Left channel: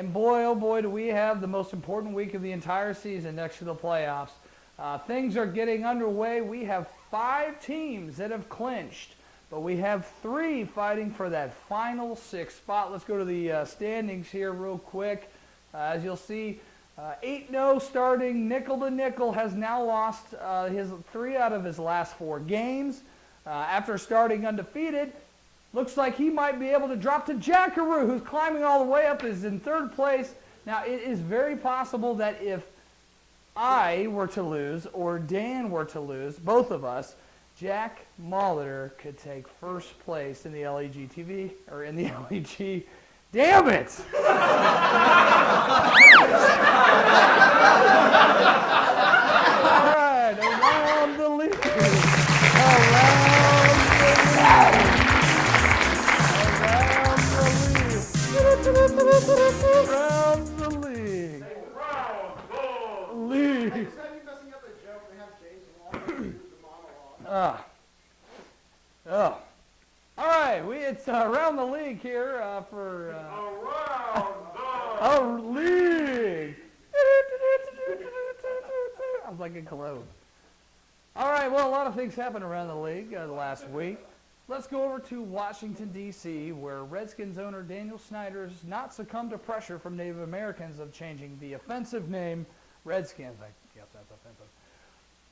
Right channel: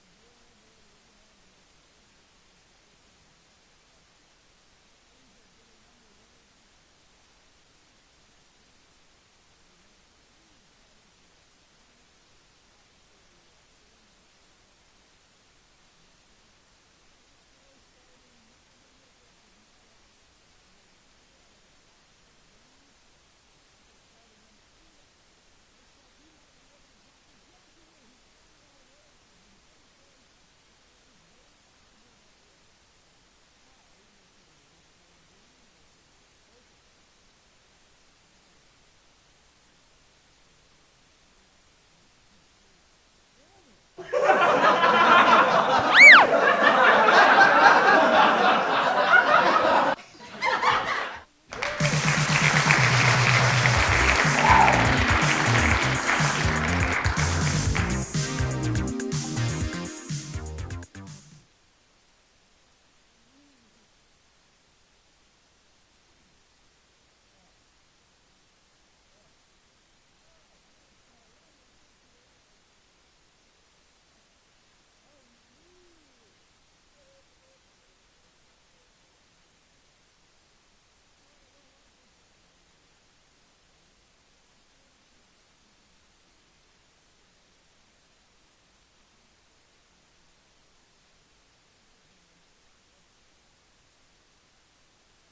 And boy, oh boy, do we have the most important week of the entire season next to the playoffs. Things are getting underway. We have 5 teams that have clinched, but we have 3 fighting for that final 6th spot. Let's go to the standings here real quick. As you'll see, 8-0 starting Nickel to Nickel has now lost his 3 out of his last 4 games. After starting undefeated, looks like he might be able to drop to Jackaroo, who's climbing all the way up, is in 3rd place. Now, it is very possible that if I were to lose or Dan were to lose, both of us, Jack Molitor could take 1st place in the LEG TV, or in the LEG. Damn it! All right, around the league. Around the league. League. Oh. All right, it's around the league here for our league. I'm like a cologne. All right, well, a lot of things happened around the league last week. Let's go over to Washington, D.C., where Redskins owner Daniel Snyder has not succumbed to pressure from Native Americans of changing the offensive name Redskins. I guess that's offensive.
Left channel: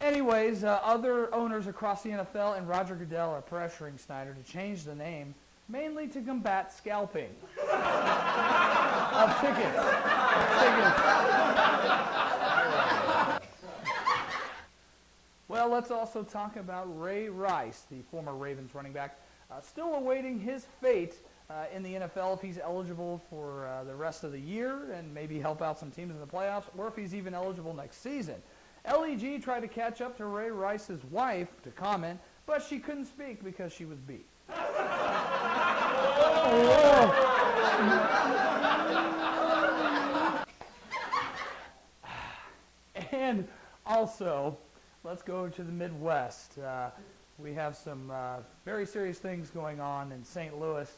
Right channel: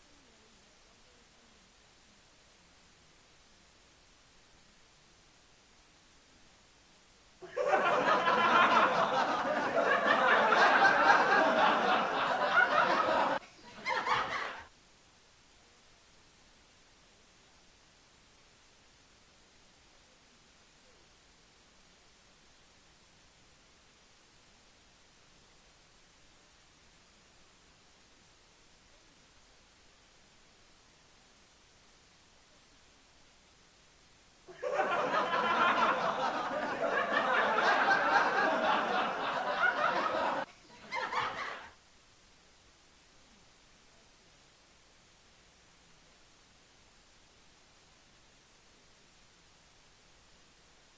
Anyways, other owners across the NFL and Roger Goodell are pressuring Snyder to change the name, mainly to combat scalping of tickets. Well, let's also talk about Ray Rice, the former Ravens running back, still awaiting his fate in the NFL if he's eligible for the rest of the year and maybe help out some teams in the playoffs, or if he's even eligible next season. LEG tried to catch up to Ray Rice's wife to comment, but she couldn't speak because she was beat. And also, let's go to the Midwest. We have some very serious things going on in St. Louis.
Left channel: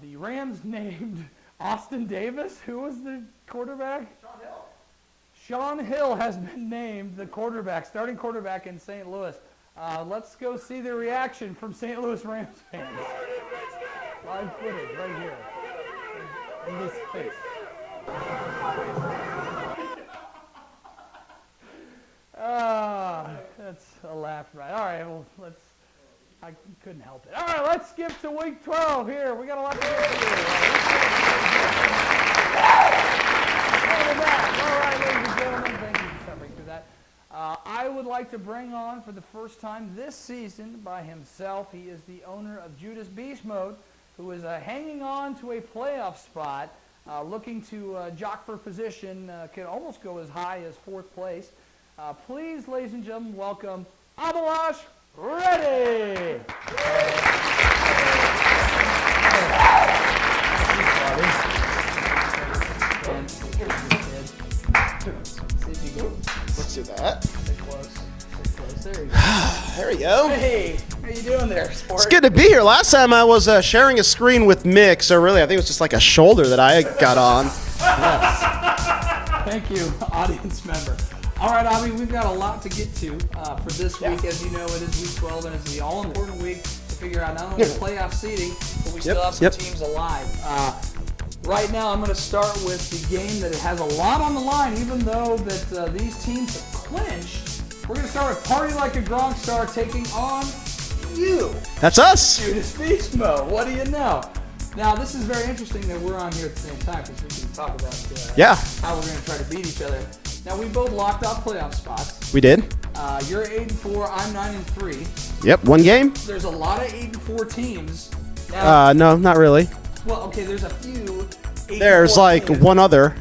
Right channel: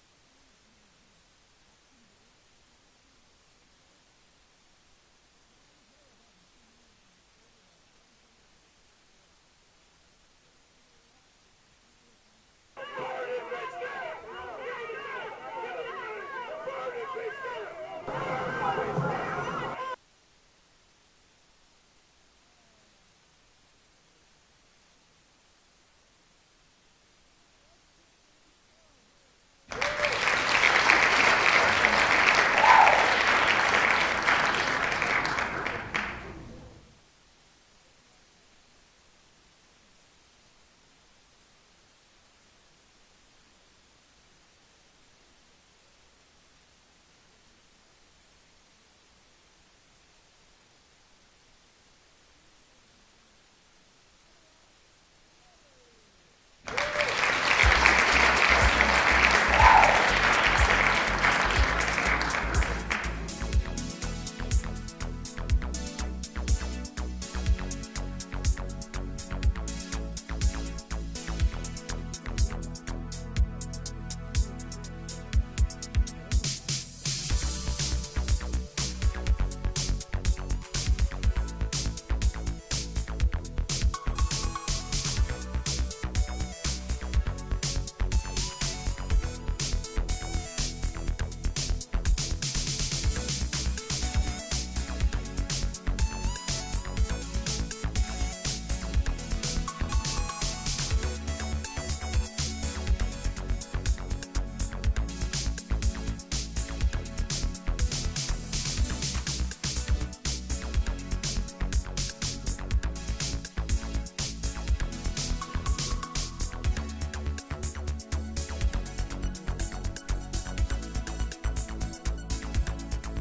The Rams named Austin Davis. Who was the quarterback? Sean Hill has been named the starting quarterback in St. Louis. Let's go see the reaction from St. Louis Rams fans. Right here. In this case. That's a laugh, right? All right, well, I couldn't help it. All right, let's skip to week 12 here. We got a lot to do. I would like to bring on for the first time this season by himself. He is the owner of Judas Beast Mode, who is hanging on to a playoff spot, looking to jock for position, can almost go as high as 4th place. Please, ladies and gentlemen, welcome Abalash Reddy. There we go. Hey, how you doing there, sport? It's good to be here. Last time I was sharing a screen with Mick, so really I think it was just like a shoulder that I got on. Yes. Thank you, audience member. All right, Avi, we've got a lot to get to for this week. As you know, it is week 12, and it's the all-important week to figure out not only the playoff seeding, but we still have some teams alive. Right now, I'm going to start with the game that has a lot on the line, even though that these teams have clinched. We're going to start with Party Like a Gronk Star taking on you. That's us. Judas Beast Mode. What do you know? Now, this is very interesting that we're on here at the same time because we can talk about how we're going to try to beat each other. Now, we both locked out playoff spots. We did. You're 8-4. I'm 9-3. Yep, one game. There's a lot of 8-4 teams. Now, no, not really. Well, okay, there's a few. There's like teams. one other.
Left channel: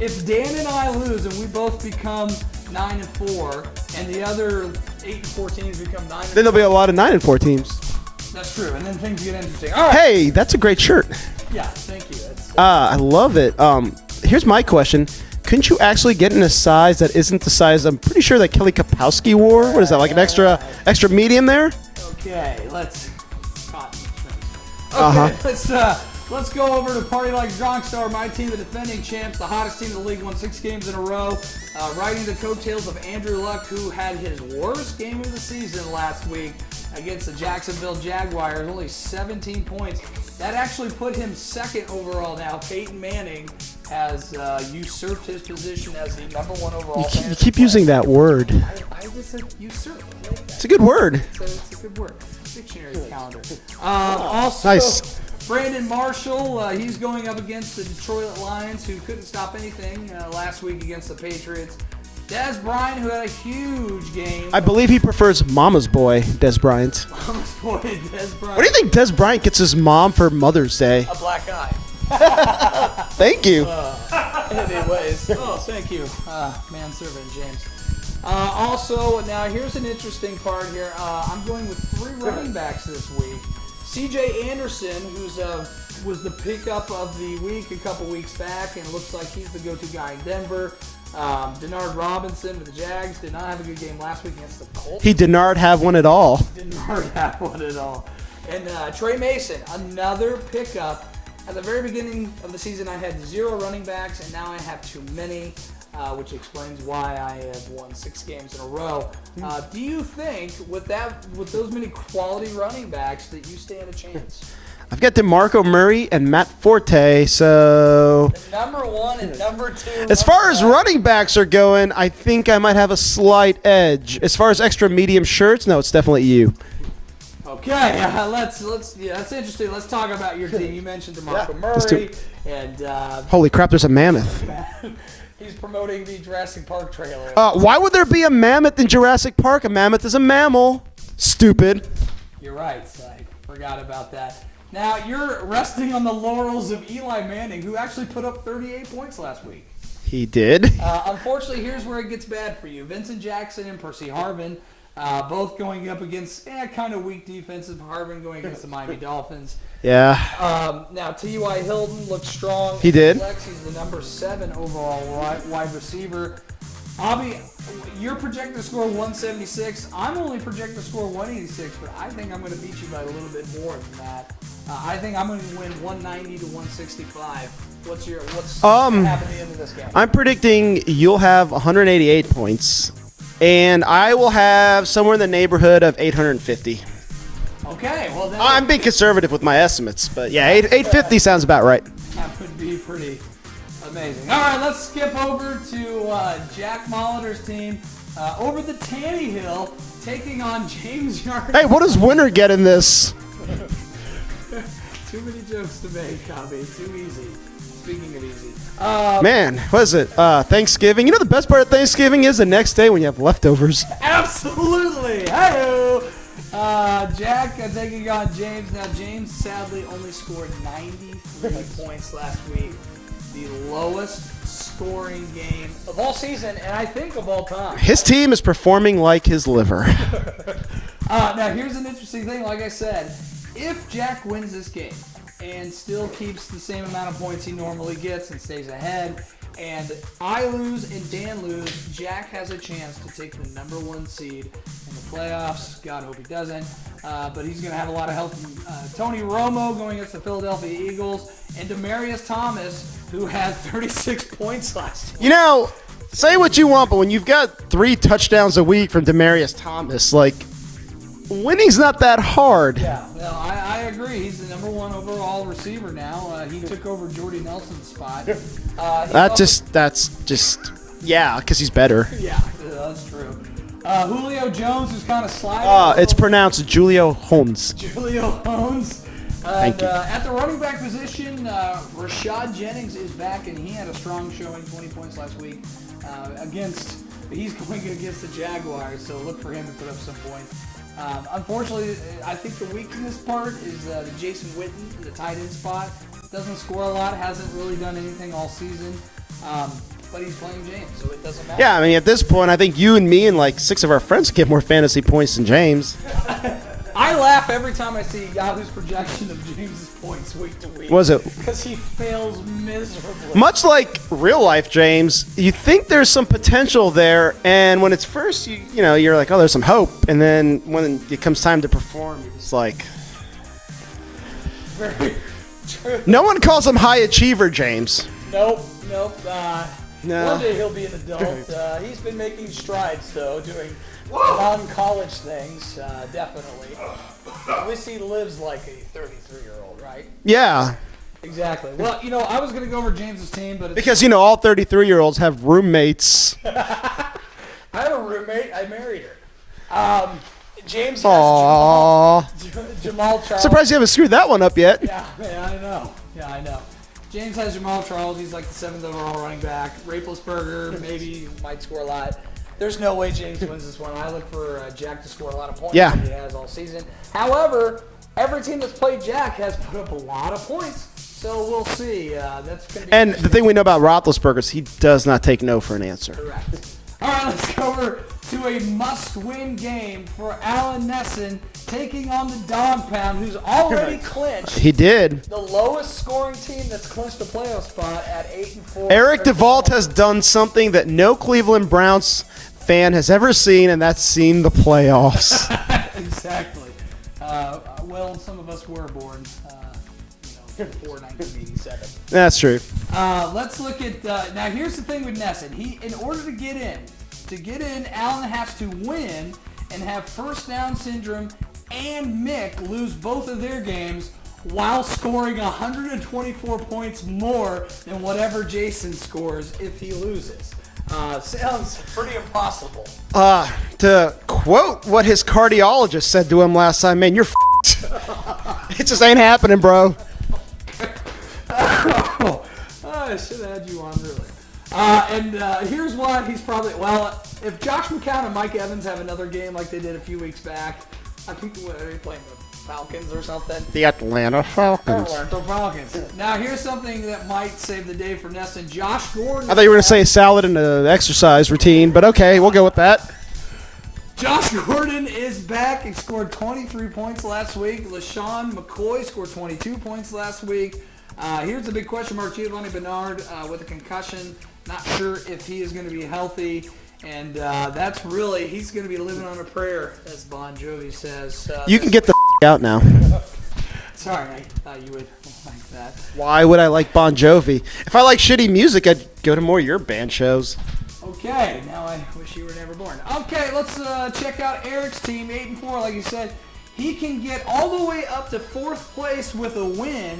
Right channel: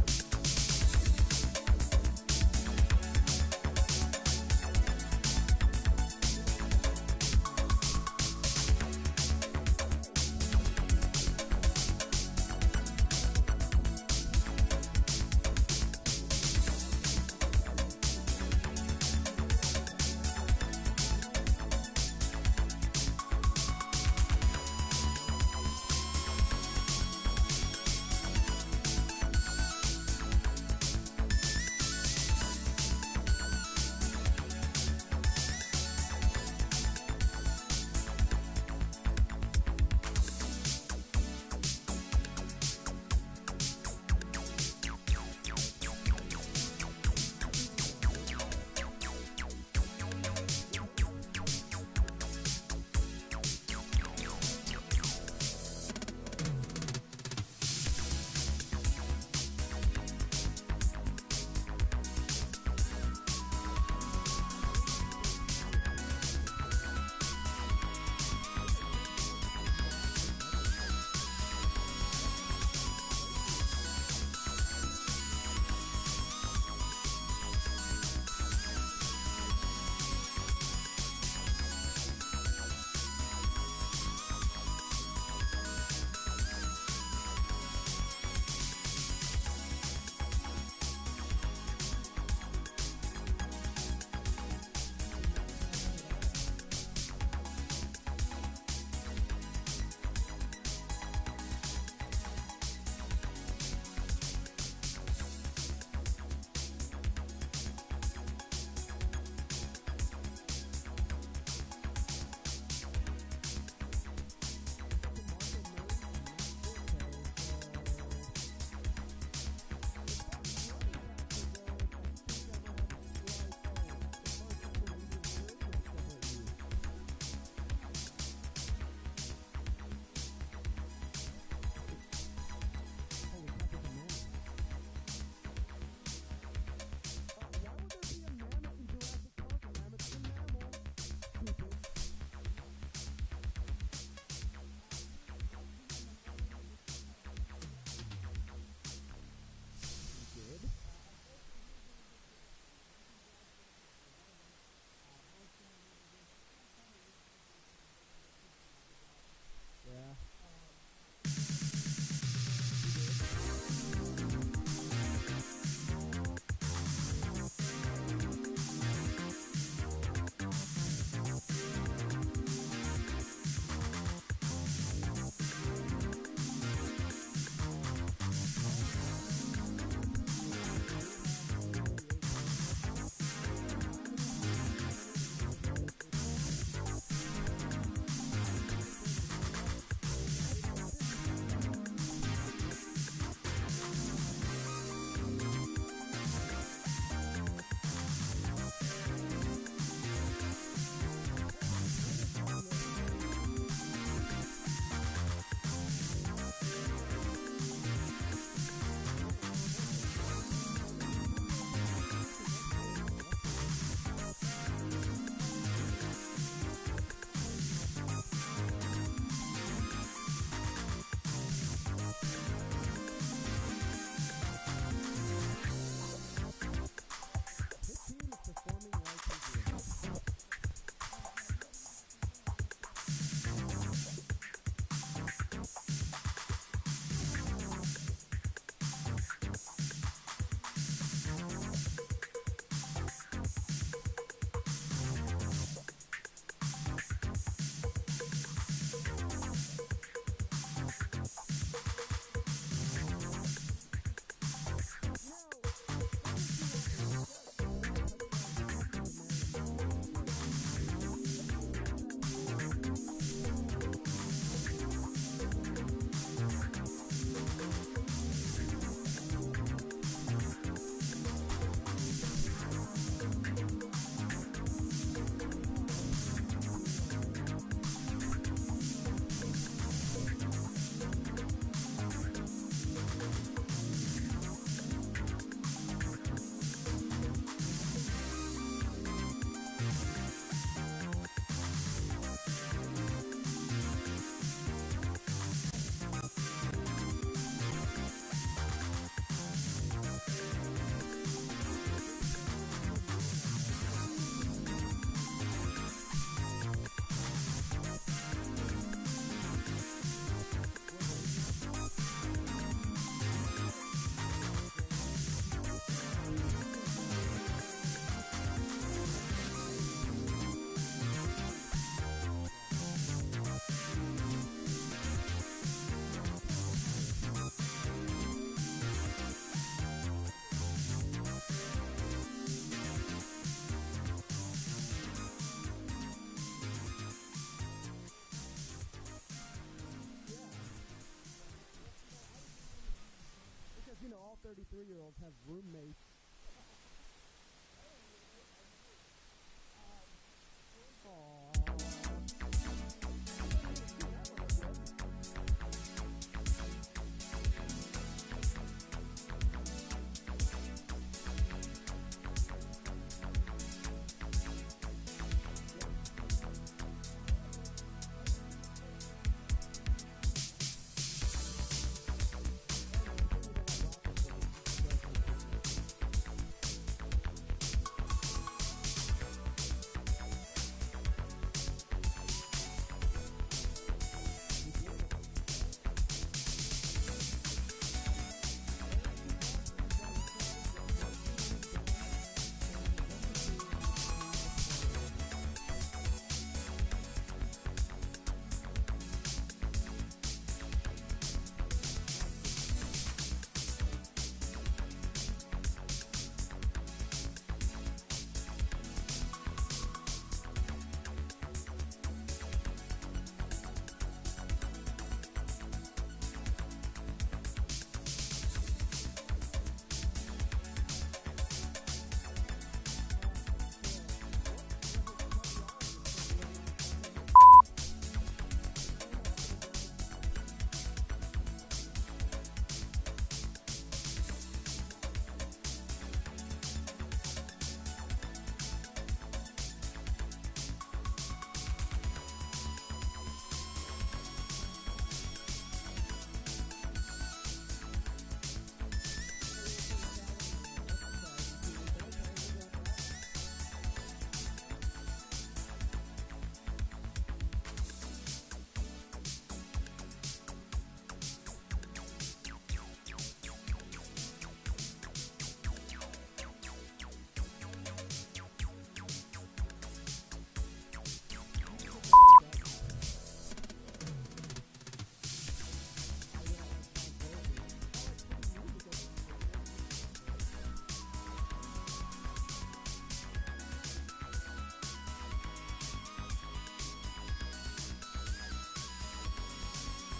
If Dan and I lose and we both become 9-4, and the other 8-4 teams become 9-4, Then there'll be a lot of 9-4 teams. That's true, and then things get interesting. All right. Hey, that's a great shirt. Yeah, thank you. I love it. Here's my question. Couldn't you actually get in a size that isn't the size I'm pretty sure that Kelly Kapowski wore? What is that, like an extra medium there? Okay, let's... Okay, let's Let's go over to Party Like Star, my team, the defending champs, the hottest team in the league, won 6 games in a row, riding the coattails of Andrew Luck, who had his worst game of the season last week against the Jacksonville Jaguars, only 17 points. That actually put him second overall now. Peyton Manning has usurped his position as the #1 overall. You keep using that word. I just said usurp. It's a good word. It's a good word. Dictionary calendar. Also, Nice. Brandon Marshall, he's going up against the Detroit Lions, who couldn't stop anything last week against the Patriots. Des Bryant, who had a huge game. I believe he prefers Mama's Boy, Des Bryant. Boy, Des Bryant. What do you think Des Bryant gets his mom for Mother's Day? A black eye. Thank you. Anyways, thank you, manservant James. Also, now here's an interesting part here. I'm going with 3 running backs this week. C.J. Anderson, was the pickup of the week a couple weeks back, and looks like he's the go-to guy in Denver. Denard Robinson with the Jags did not have a good game last week against the Colts. He did not have one at all. Did not have one at all. And Trey Mason, another pickup. At the very beginning of the season, I had 0 running backs, and now I have too many, which explains why I have won 6 games in a row. Do you think, with those many quality running backs, that you stand a chance? I've got DeMarco Murray and Matt Forte, so... #1 and #2. As far as running backs are going, I think I might have a slight edge. As far as extra medium shirts, no, it's definitely you. Okay, that's interesting. Let's talk about your team. You mentioned DeMarco Murray, and Holy crap, there's a mammoth. he's promoting the Jurassic Park trailer. Why would there be a mammoth in Jurassic Park? A mammoth is a mammal. Stupid. You're right, I forgot about that. Now, you're resting on the laurels of Eli Manning, who actually put up 38 points last week. He did. Unfortunately, here's where it gets bad for you. Vincent Jackson and Percy Harvin, both going up against kind of weak defensive. Harvin going against the Miami Dolphins. Yeah. Now, T.Y. Hilton looked strong. He did. He's the #7 overall wide receiver. Abby, you're projected to score 176. I'm only projected to score 186, but I think I'm going to beat you by a little bit more than that. I think I'm going to win 190 to 165. What's happening at the end of this game? I'm predicting you'll have 188 points, and I will have somewhere in the neighborhood of 850. Okay, well then I'm being conservative with my estimates, but yeah, 850 sounds about right. that would be pretty amazing. All right, let's skip over to Jack Molitor's team over the Tanny Hill, taking on James Yard. Hey, what does winner get in this? Too many jokes to make, Copy. Too easy. Speaking of easy. Man, what is it? Thanksgiving. You know the best part of Thanksgiving is the next day when you have leftovers. Absolutely. Hey-o. Jack taking on James. Now, James sadly only scored 93 points last week. The lowest scoring game of all season, and I think of all time. His team is performing like his liver. Now, here's an interesting thing. Like I said, if Jack wins this game and still keeps the same amount of points he normally gets and stays ahead, and I lose and Dan lose, Jack has a chance to take the #1 seed in the playoffs. God, hope he doesn't. But he's going to have a lot of help from Tony Romo going against the Philadelphia Eagles, and Demaryius Thomas, who had 36 points last week. You know, say what you want, but when you've got 3 touchdowns a week from Demaryius Thomas, like, winning's not that hard. Yeah, no, I agree. He's the #1 overall receiver now. He took over Jordy Nelson's spot. That's just, yeah, because he's better. Yeah, that's true. Julio Jones is kind of sliding. It's pronounced Julio Jones. Julio Jones. Thank you. At the running back position, Rashad Jennings is back, and he had a strong showing, 20 points last week he's going against the Jaguars, so look for him to put up some points. Unfortunately, I think the weakness part is the Jason Witten, the tight end spot. Doesn't score a lot, hasn't really done anything all season, but he's playing James, so it doesn't matter. Yeah, I mean, at this point, I think you and me and like 6 of our friends get more fantasy points than James. I laugh every time I see Yahoo's projection of James's points week to week. Was it? Because he fails miserably. Much like real life, James, you think there's some potential there, and when it's first, you're like, oh, there's some hope, and then when it comes time to perform, it's like... true. No one calls him high achiever, James. Nope. No. One day he'll be an adult. He's been making strides, though, doing non-college things, definitely. At least he lives like a 33-year-old, right? Yeah. Exactly. Well, I was going to go over James's team, but it's Because, all 33-year-olds have roommates. I have a roommate. I married her. James has Aww. Jamal Charles. Surprised you haven't screwed that one up yet. Yeah, I know. James has Jamal Charles. He's like the 7th overall running back. Raplesberger maybe might score a lot. There's no way James wins this one. I look for Jack to score a lot of points. Yeah. Like he has all season. However, every team that's played Jack has put up a lot of points. So we'll see. That's gonna be And the thing we know about Roethlisberger is he does not take no for an answer. correct. All right, let's go over to a must-win game for Alan Nesson taking on the Dog Pound, who's already clinched He did. the lowest scoring team that's clinched the playoff spot at 8-4. Eric DeVault has done something that no Cleveland Browns fan has ever seen, and that's seen the playoffs. Exactly. Well, some of us were born before 1987. That's true. Let's look at now. Here's the thing with Nesson. In order to get in, Allen has to win and have first down syndrome, and Mick lose both of their games while scoring 124 points more than whatever Jason scores if he loses. Sounds pretty impossible. To quote what his cardiologist said to him last time, man, you're f***ed. It just ain't happening, bro. I should have had you on, really. Here's why he's probably, if Josh McCown and Mike Evans have another game like they did a few weeks back, I think they're playing the Falcons or something. The Atlanta Falcons. The Falcons. Now, here's something that might save the day for Nesson. Josh Gordon. I thought you were going to say salad in an exercise routine, but okay, we'll go with that. Josh Gordon is back. He scored 23 points last week. LaShawn McCoy scored 22 points last week. Here's the big question mark. Giovanni Bernard with a concussion. Not sure if he is going to be healthy. And that's really, he's going to be living on a prayer, as Bon Jovi says. You can get the out now. Sorry, I thought you would like that. Why would I like Bon Jovi? If I like shitty music, I'd go to more of your band shows. Okay, now I wish you were never born. Okay, let's check out Eric's team, 8-4, like you said. He can get all the way up to 4th place with a win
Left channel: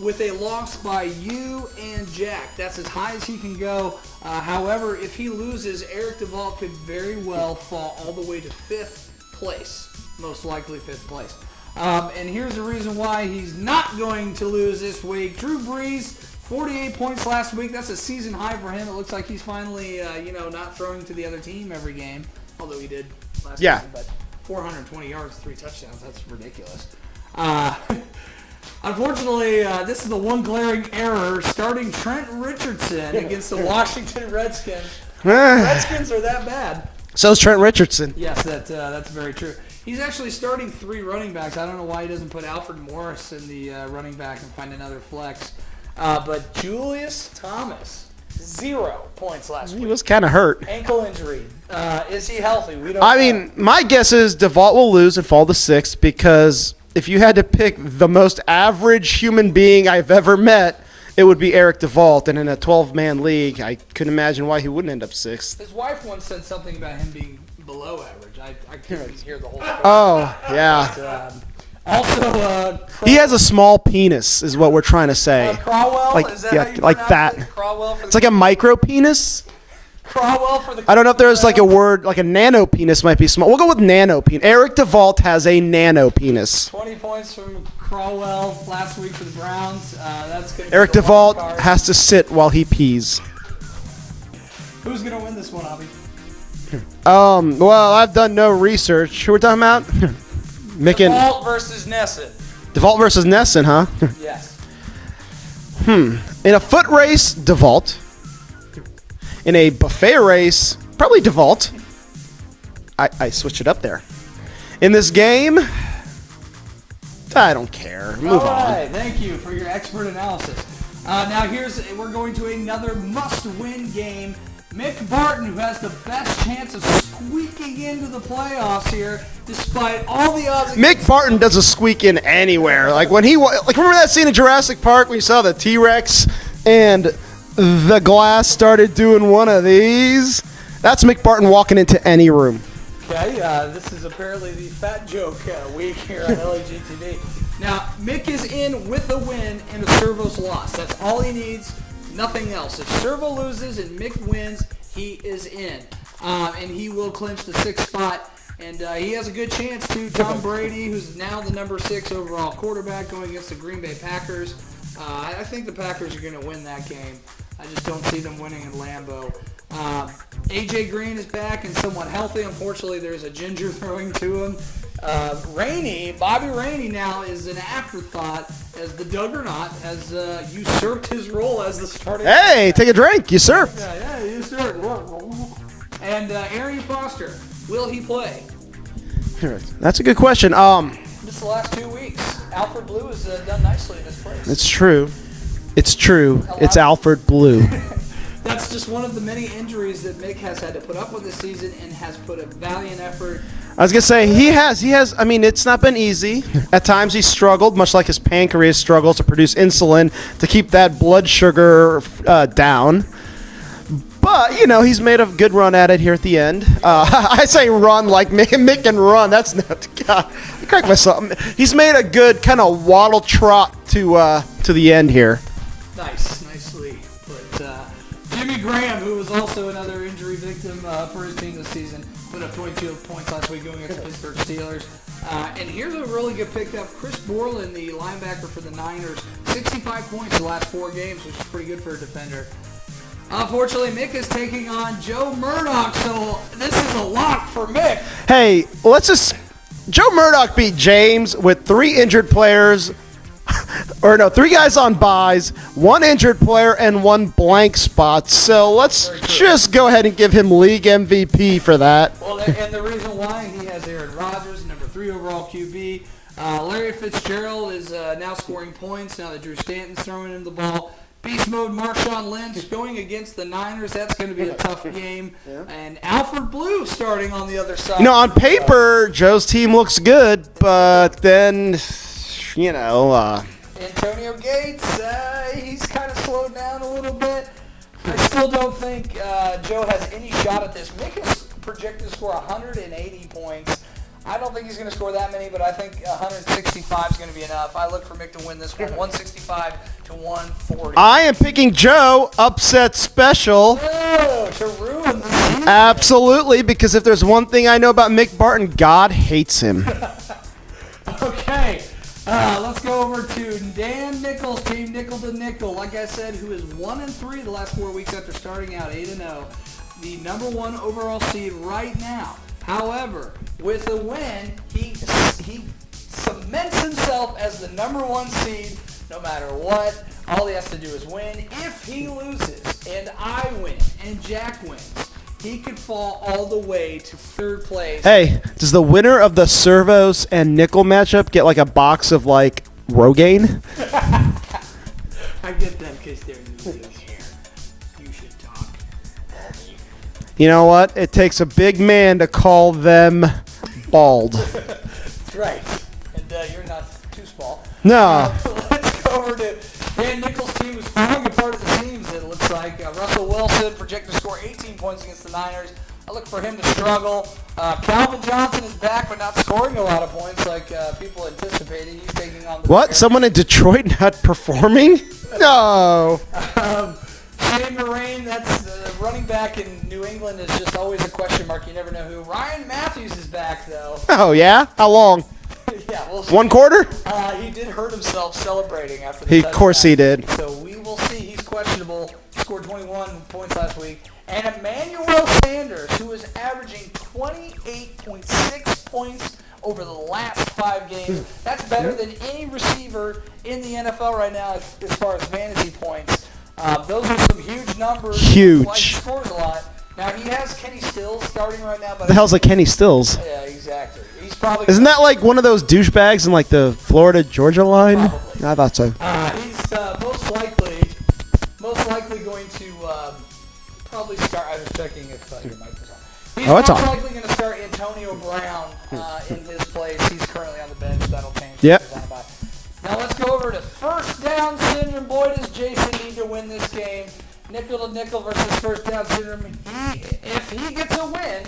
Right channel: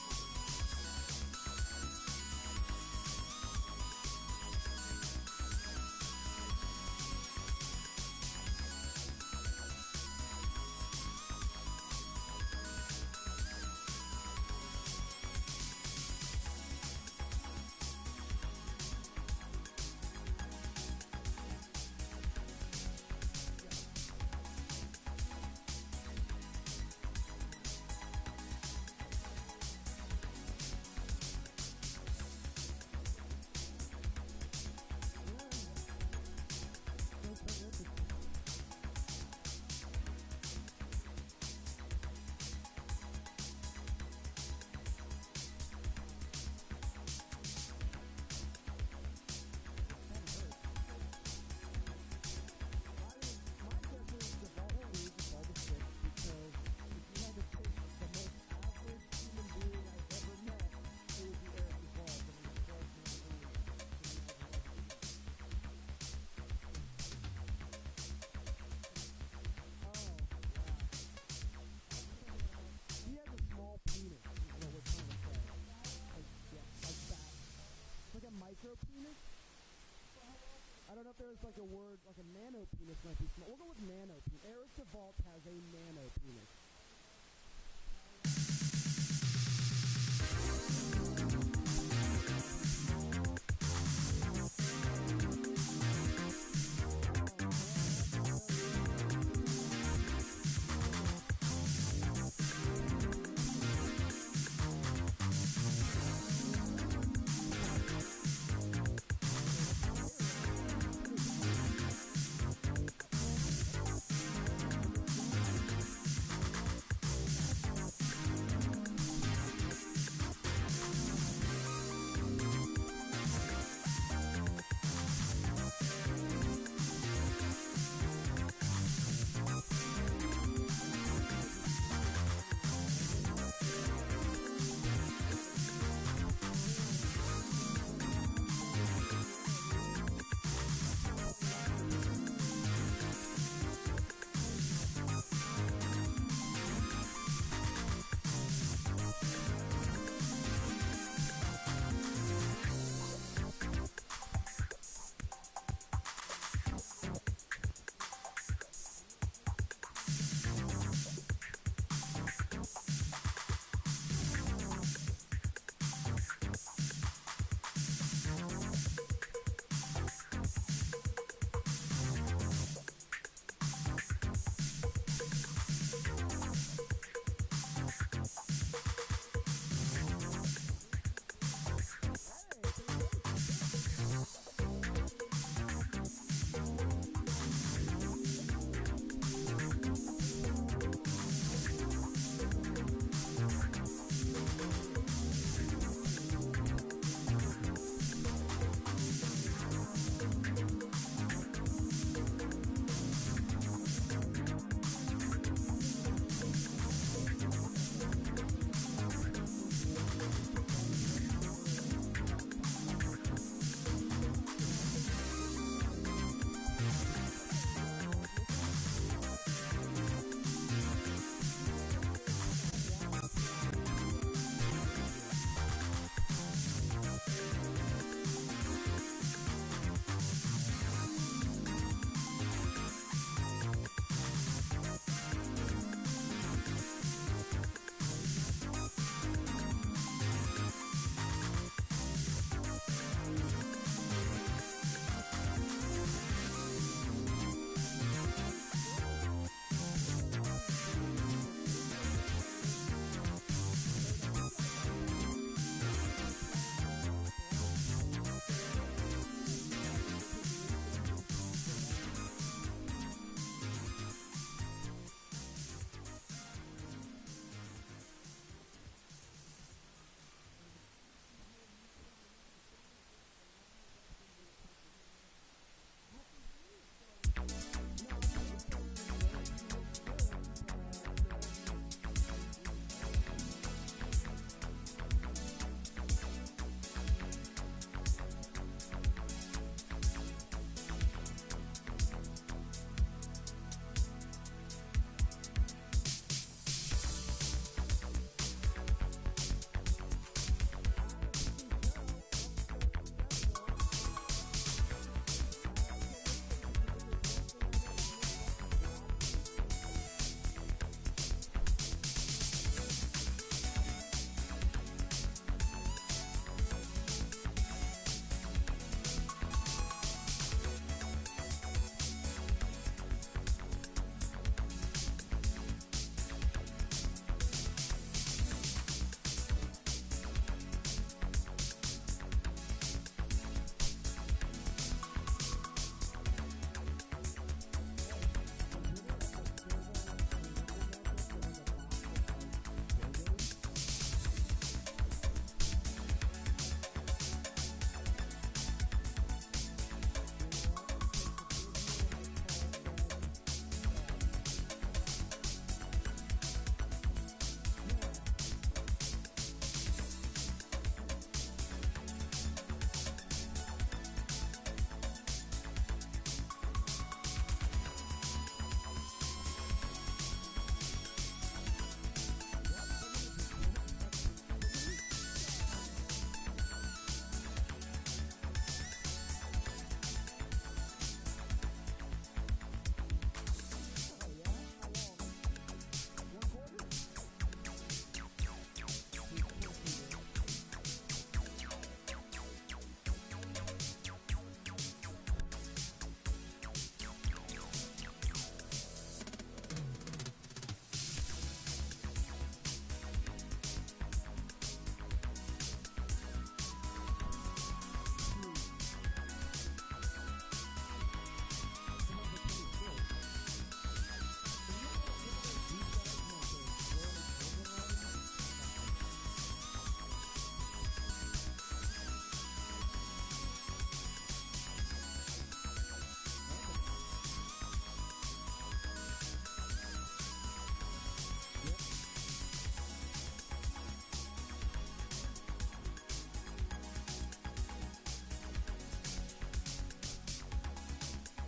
with a loss by you and Jack. That's as high as he can go. However, if he loses, Eric DeVault could very well fall all the way to 5th place, most likely 5th place. And here's the reason why he's not going to lose this week. Drew Brees, 48 points last week. That's a season high for him. It looks like he's finally, not throwing to the other team every game, although he did last season. But 420 yards, 3 touchdowns. That's ridiculous. Unfortunately, this is the one glaring error, starting Trent Richardson against the Washington Redskins. Redskins are that bad. So's Trent Richardson. Yes, that's very true. He's actually starting 3 running backs. I don't know why he doesn't put Alfred Morris in the running back and find another flex. But Julius Thomas, 0 points last He week. was kind of hurt. Ankle injury. Is he healthy? We don't I know. mean, my guess is DeVault will lose and fall to 6th because if you had to pick the most average human being I've ever met, it would be Eric DeVault. And in a 12-man league, I couldn't imagine why he wouldn't end up 6th. His wife once said something about him being below average. I couldn't hear the whole story. Oh, yeah. But, also, He has a small penis, is what we're trying to say. Crowell, Like- is that yeah, how you like pronounce that. it? Crowell for It's like a micro penis. Crowell for the. I don't know if there's like a word, like a nano penis might be small. We'll go with nano penis. Eric DeVault has a nano penis. 20 points from Crowell last week for the Browns. That's gonna be Eric the wild DeVault card. has to sit while he pees. Who's gonna win this one, Abby? Well, I've done no research. Who we're talking about? Mick and Walt versus Nesson. DeVault versus Nesson, huh? Yes. In a foot race, DeVault. In a buffet race, probably DeVault. I switched it up there. In this game, I don't care. Move All on. right, thank you for your expert analysis. Now we're going to another must-win game. Mick Barton, who has the best chance of squeaking into the playoffs here, despite all the odds. Mick Barton doesn't squeak in anywhere. Like when remember that scene in Jurassic Park when you saw the T-Rex and the glass started doing one of these? That's Mick Barton walking into any room. Okay, this is apparently the fat joke week here on LAGTV. Now, Mick is in with a win and a Servo's loss. That's all he needs, nothing else. If Servo loses and Mick wins, he is in. And he will clinch the 6th spot. And he has a good chance to Tom Brady, who's now the number 6 overall quarterback going against the Green Bay Packers. I think the Packers are going to win that game. I just don't see them winning in Lambeau. A.J. Green is back and somewhat healthy. Unfortunately, there's a ginger throwing to him. Bobby Rainey now is an afterthought as the Juggernaut has usurped his role as the starting. Hey, take a drink. You surfed. Yeah, usurped. And Arian Foster, will he play? That's a good question. This the last 2 weeks. Alfred Blue has done nicely in his place. It's true. It's true. It's Alfred Blue. That's just one of the many injuries that Mick has had to put up with this season and has put a valiant effort. I was going to say, he has, I mean, it's not been easy. At times he's struggled, much like his pancreas struggles to produce insulin to keep that blood sugar down. But, you know, he's made a good run at it here at the end. I say run like Mick can run. That's not, God, I crack myself. He's made a good kind of waddle trot to the end here. Nicely put. Jimmy Graham, who was also another injury victim for his team this season, put up 22 points last week going against the Pittsburgh Steelers. And here's a really good pickup. Chris Borland, the linebacker for the Niners, 65 points the last 4 games, which is pretty good for a defender. Unfortunately, Mick is taking on Joe Murdoch, so this is a lock for Mick. Hey, Joe Murdoch beat James with 3 injured players. Or no, 3 guys on buys, 1 injured player, and 1 blank spot. So let's just go ahead and give him league MVP for that. Well, and the reason why he has Aaron Rodgers, number 3 overall QB. Larry Fitzgerald is now scoring points now that Drew Stanton's throwing him the ball. Beast mode Marshawn Lynch going against the Niners. That's going to be a tough game. Yeah. And Alfred Blue starting on the other side. You know, on paper, Joe's team looks good, but then, you know... Antonio Gates, he's kind of slowed down a little bit. I still don't think Joe has any shot at this. Mick is projected to score 180 points. I don't think he's going to score that many, but I think 165 is going to be enough. I look for Mick to win this one, 165 to 140. I am picking Joe upset special. Oh, to ruin the season. Absolutely, because if there's one thing I know about Mick Barton, God hates him. Okay. Let's go over to Dan Nichols' team, nickel to nickel. Like I said, who is 1-3 the last 4 weeks after starting out 8-0. The number 1 overall seed right now. However, with a win, he cements himself as the number 1 seed no matter what. All he has to do is win. If he loses and I win and Jack wins, he could fall all the way to 3rd place. Hey, does the winner of the Servos and Nickel matchup get like a box of like Rogaine? I get that in case they're new this year. You should talk. You know what? It takes a big man to call them bald. That's right. And you're not too small. No. Let's go over to Dan Nichols' team, who's falling apart of the teams, it looks like. Russell Wilson projected to score 18 points against the Niners. I look for him to struggle. Calvin Johnson is back, but not scoring a lot of points like people anticipated. He's taking on the... What? Someone in Detroit not performing? No. Shane Moraine, that's running back in New England, is just always a question mark. You never know who. Ryan Matthews is back, though. Oh, yeah? How long? Yeah, we'll see. 1 quarter? He did hurt himself celebrating after the Of course he did. So we will see. He's questionable. He scored 21 points last week. And Emmanuel Sanders, who is averaging 28.6 points over the last 5 games. That's better than any receiver in the NFL right now as far as fantasy points. Those are some huge numbers. Huge. Like, he scored a lot. Now, he has Kenny Stills starting right now. But The hell's like Kenny Stills? Yeah, exactly. He's probably... Isn't that like one of those douchebags in like the Florida-Georgia line? Probably. I thought so. He's most likely going to probably start. I was checking if your mic was on. He's Oh, it's most on. likely going to start Antonio Brown in his place. He's currently on the bench. That'll change. Yep. Now let's go over to first down syndrome. Boy, does Jason need to win this game. Nickel to nickel versus first down syndrome. If he gets a win,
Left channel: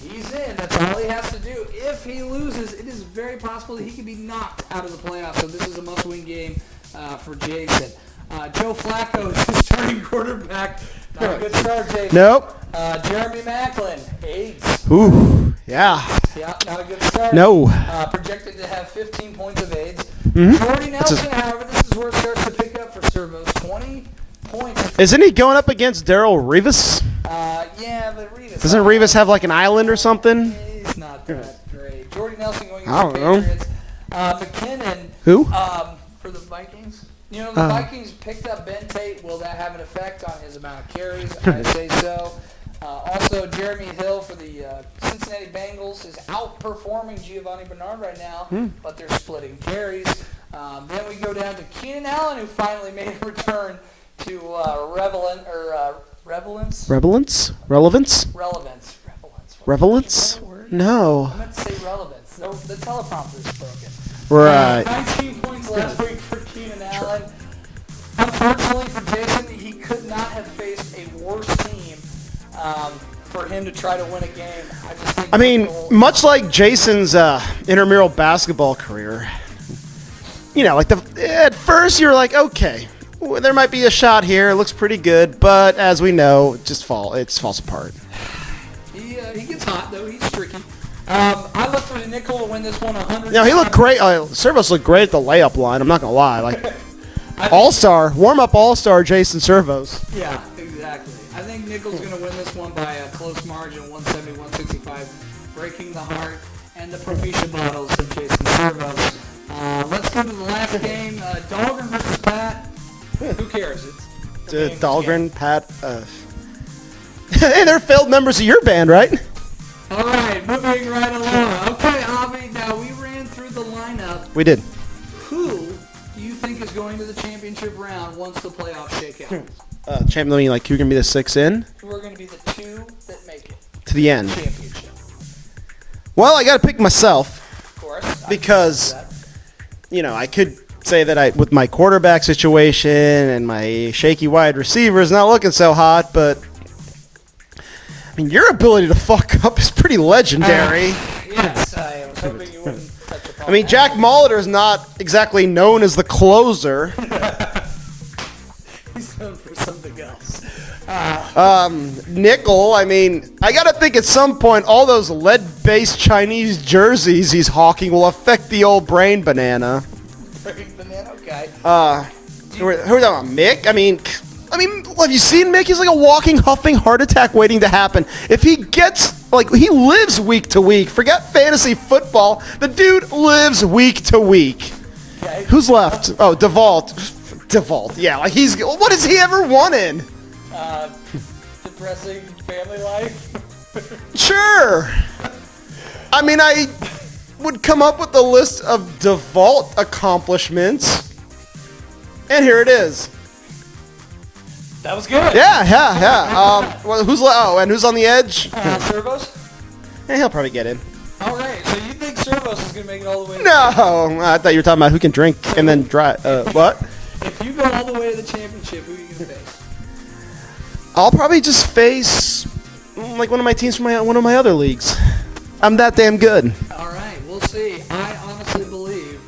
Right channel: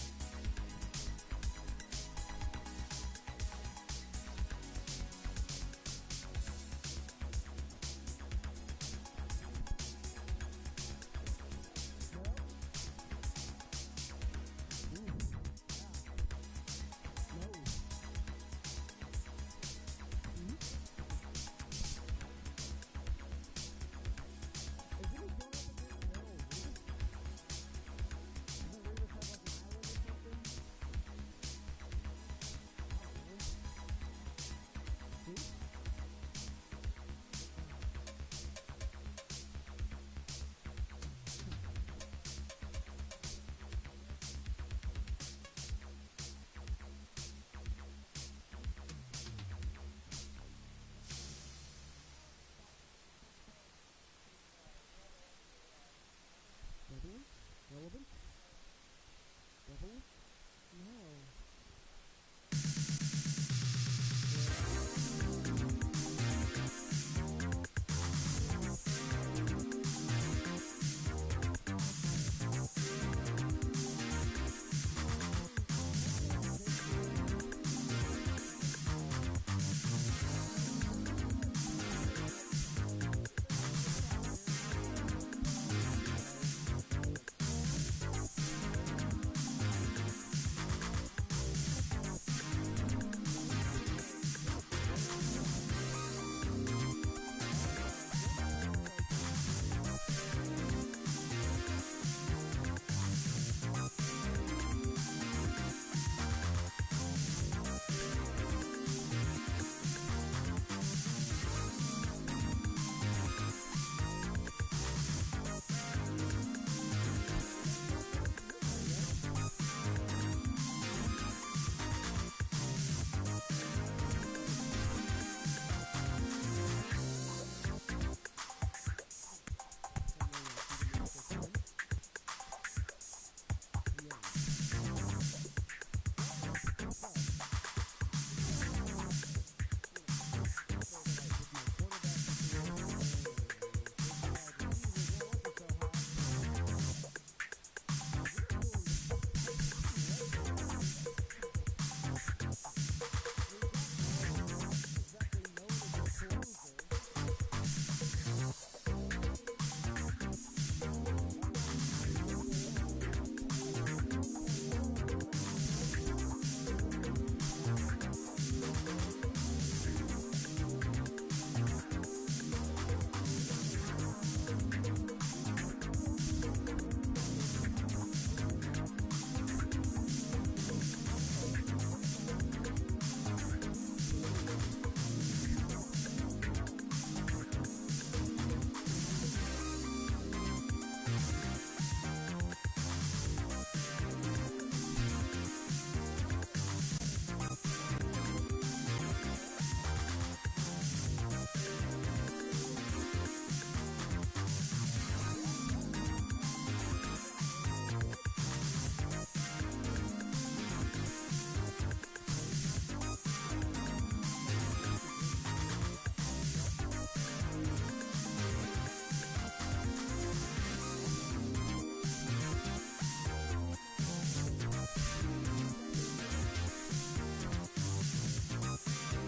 he's in. That's all he has to do. If he loses, it is very possible that he could be knocked out of the playoffs. So this is a must-win game for Jason. Joe Flacco is the starting quarterback. Not a good start, Jason. Nope. Jeremy Maclin, AIDS. Ooh, yeah. Yeah, not a good start. No. Projected to have 15 points of AIDS. Mhm. Jordy Nelson, however, this is where it starts to pick up for Servos. 20 points. Isn't he going up against Darrell Rivas? Yeah, but Rivas. Doesn't Rivas have like an island or something? He's not that great. Jordy Nelson going I against the don't know. Patriots. McKinnon. Who? For the Vikings. You know, the Vikings picked up Ben Tate. Will that have an effect on his amount of carries? I say so. Also, Jeremy Hill for the Cincinnati Bengals is outperforming Giovanni Bernard right now, but they're splitting carries. Then we go down to Keenan Allen, who finally made a return to relevance. Relevance? Relevance? Relevance. Relevance? No. I meant to say relevance. The teleprompter is broken. Right. 19 points last week for Keenan Allen. Unfortunately for Jason, he could not have faced a worse team for him to try to win a game. I mean, much like Jason's intramural basketball career, you know, like at first you were like, okay, there might be a shot here. It looks pretty good, but as we know, it falls apart. He gets hot though. He's tricky. I look for the nickel to win this one 100. You know, he looked great. Servos looked great at the layup line. I'm not gonna lie. Like all-star, warm-up all-star Jason Servos. Yeah, exactly. I think Nickel's going to win this one by a close margin, 170-165, breaking the heart and the Propecia bottles of Jason Servos. Let's go to the last game, Dahlgren versus Pat. Who cares? It's Dahlgren, Pat. Hey, they're failed members of your band, right? All right, moving right along. Okay, Avi, now we ran through the lineup. We did. Who do you think is going to the championship round once the playoffs shake out? Champion, mean like who can be the 6 in? Who are going to be the two that make it? To the end. Championship. Well, I got to pick myself Of course. because, you know, I could say that with my quarterback situation and my shaky wide receivers not looking so hot, but I mean, your ability to fuck up is pretty legendary. Yes, I was hoping you wouldn't touch upon I mean, Jack Molitor is not exactly known as the closer. He's known for something else. Nickel, I mean, I got to think at some point all those lead-based Chinese jerseys he's hawking will affect the old brain banana. Banana guy. Who are we talking about? Mick? I mean, have you seen Mick? He's like a walking, huffing heart attack waiting to happen. If he gets, like, he lives week to week. Forget fantasy football. The dude lives week to week. Okay. Who's left? Oh, DeVault. DeVault. Yeah, like what has he ever won in? Depressing family life. Sure. I mean, I would come up with a list of DeVault accomplishments. And here it is. That was good. Yeah. Well, who's and who's on the edge? Servos? Yeah, he'll probably get in. All right, so you think Servos is going to make it all the way? No, I thought you were talking about who can drink and then drive. What? If you go all the way to the championship, who are you going to face? I'll probably just face like one of my teams from one of my other leagues. I'm that damn good. All right, we'll see. I honestly believe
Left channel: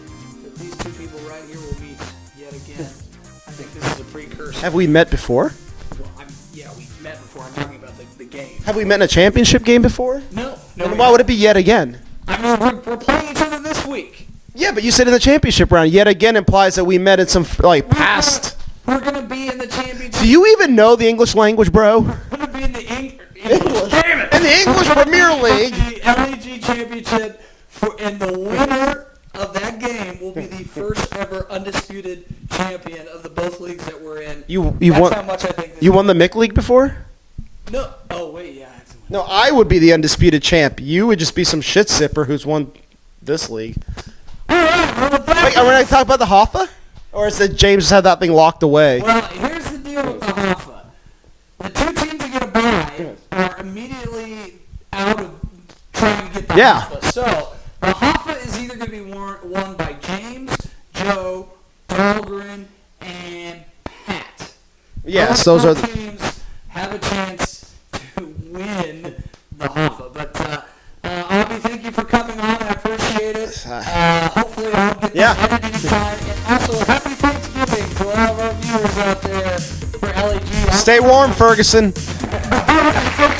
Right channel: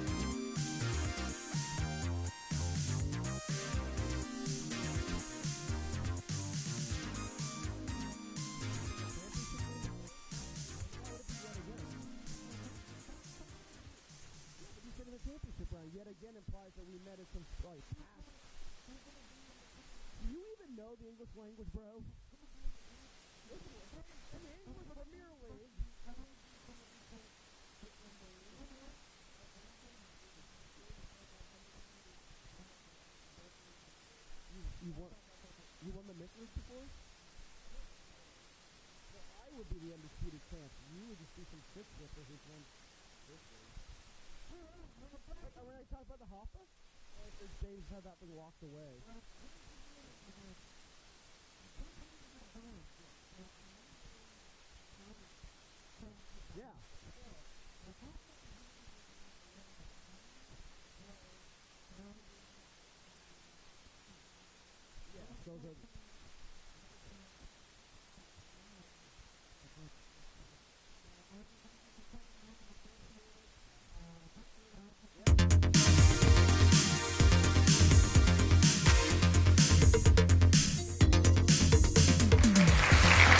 that these two people right here will meet yet again. I think this is a precursor. Have we met before? Well, yeah, we met before. I'm talking about the game. Have we met in a championship game before? No. Then why would it be yet again? I mean, we're playing each other this week. Yeah, but you said in the championship round. Yet again implies that we met in some past. We're gonna be in the championship. Do you even know the English language, bro? We're gonna be in the English. Damn it! In the English Premier League. The LEG championship, and the winner of that game will be the first ever undisputed champion of the both leagues that we're in. That's won. how much I think. You won the Mick League before? No. Oh wait, yeah. No, I would be the undisputed champ. You would just be some shit sipper who's won this league. All right, Wait, are we going to talk about the Hoffa? Or is it James had that thing locked away? Well, here's the deal with the Hoffa. The two teams that get a Yeah. So, the Hoffa is either going to be won by James, Joe, Dahlgren, and Pat. Yes, those are the teams have a chance to win the Hoffa. But, Avi, thank you for coming on. I appreciate it. Hopefully I'll get that editing time. And also, happy Thanksgiving to all of our viewers out there for LAG. Stay warm, Ferguson. Have a good